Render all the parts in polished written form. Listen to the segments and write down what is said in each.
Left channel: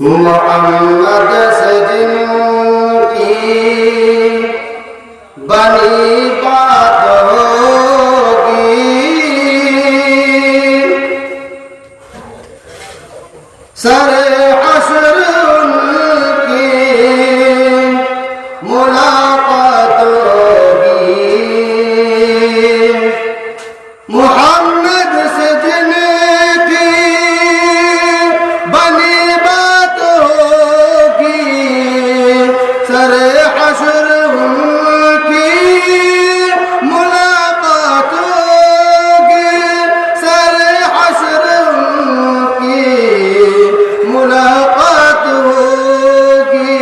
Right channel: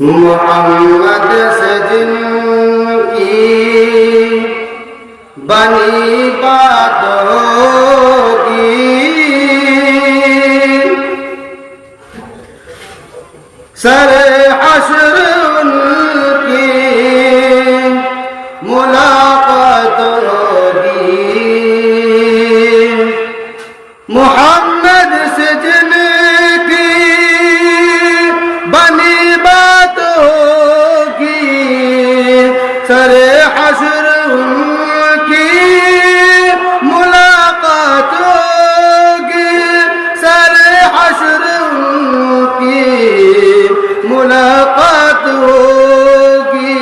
محمد سے جن کی بنی بات ہوگی، سر حشر ان کی ملاقات ہوگی۔ محمد سے جن کی بنی بات ہوگی، سر حشر ان کی ملاقات ہوگی، سر حشر ان کی ملاقات ہوگی۔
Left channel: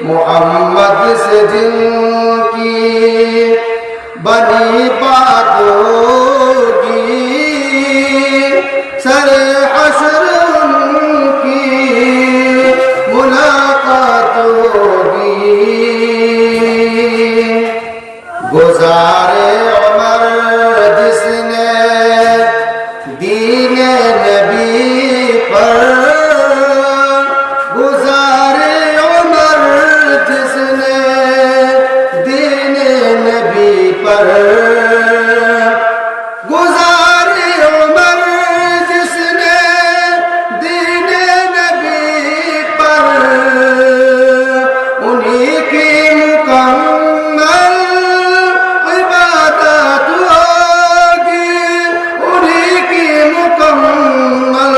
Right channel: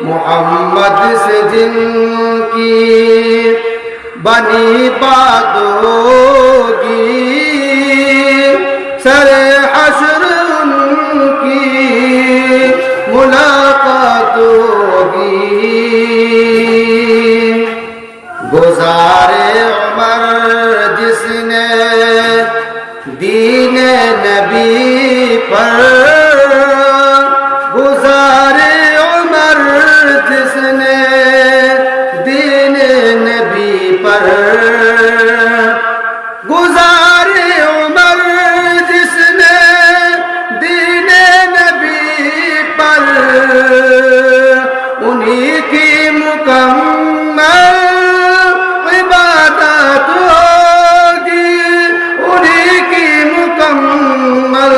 محمد سے جن کی بنی بات ہوگی، سر حشر ان کی ملاقات ہوگی۔ گزارے عمر جس نے دین نبی پر، گزارے عمر جس نے دین نبی پر، گزارے عمر جس نے دین نبی پر، انہی کی مکمل عبادت ہوگی، انہی کی مکمل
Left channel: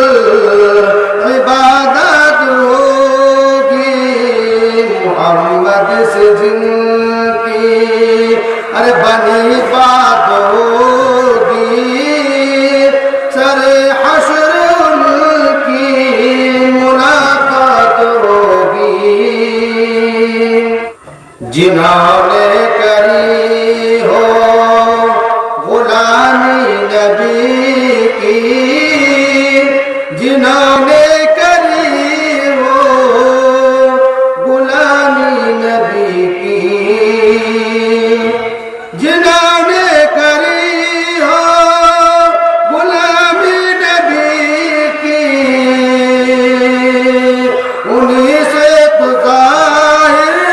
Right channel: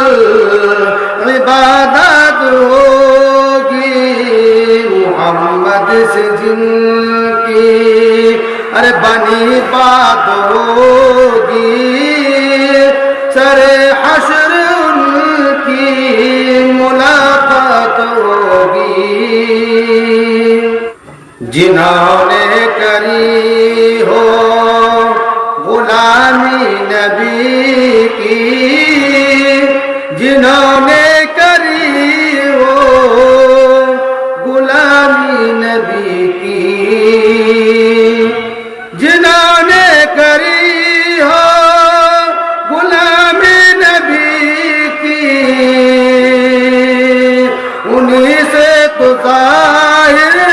عبادت ہوگی۔ محمد سے جن کی بنی بات ہوگی، سر حشر ان کی ملاقات ہوگی۔ جنہوں نے کری ہو غلامی نبی کی، جنہوں نے کری ہو غلامی نبی کی، جنہوں نے کری ہو غلامی نبی کی، انہی سے تو ظاہر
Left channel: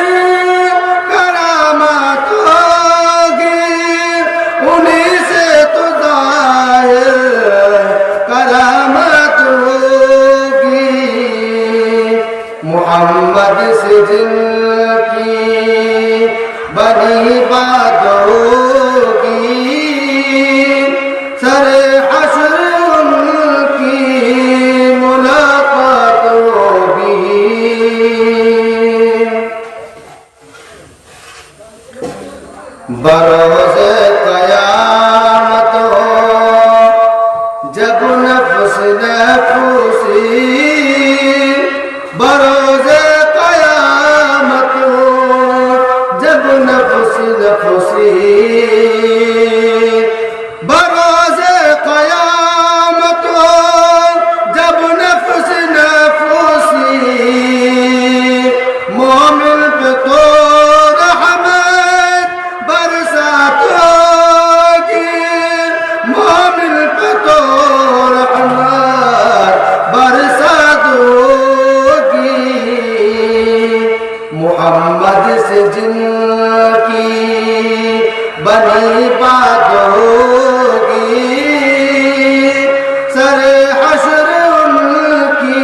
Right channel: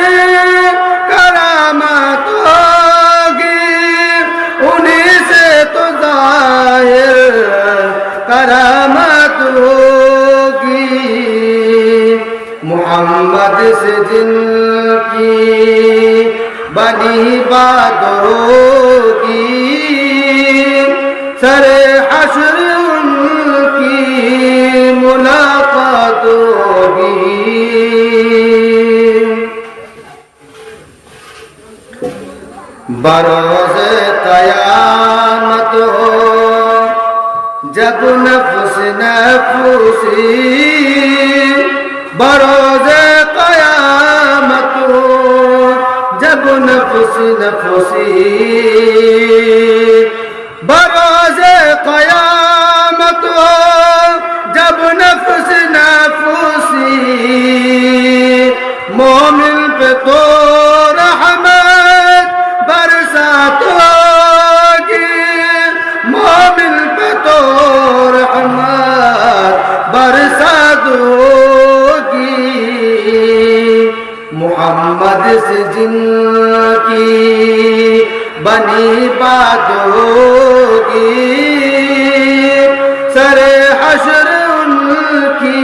کرامات ہوگی، انہی سے تو ظاہر کرامات ہوگی۔ محمد سے جن کی بنی بات ہوگی، سر حشر ان کی ملاقات ہوگی۔ بروز قیامت ہو جب نفس نفسی، بروز قیامت ہو جب نفس نفسی، بروز قیامت ہو جب نفس نفسی، مومن پہ تو رحمت برسات ہوگی، مومن پہ تو رحمت برسات ہوگی۔ محمد سے جن کی بنی بات ہوگی، سر حشر ان کی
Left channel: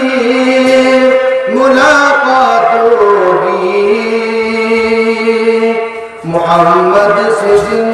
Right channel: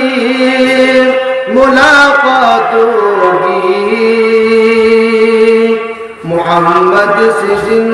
ملاقات ہوگی۔ محمد سے جن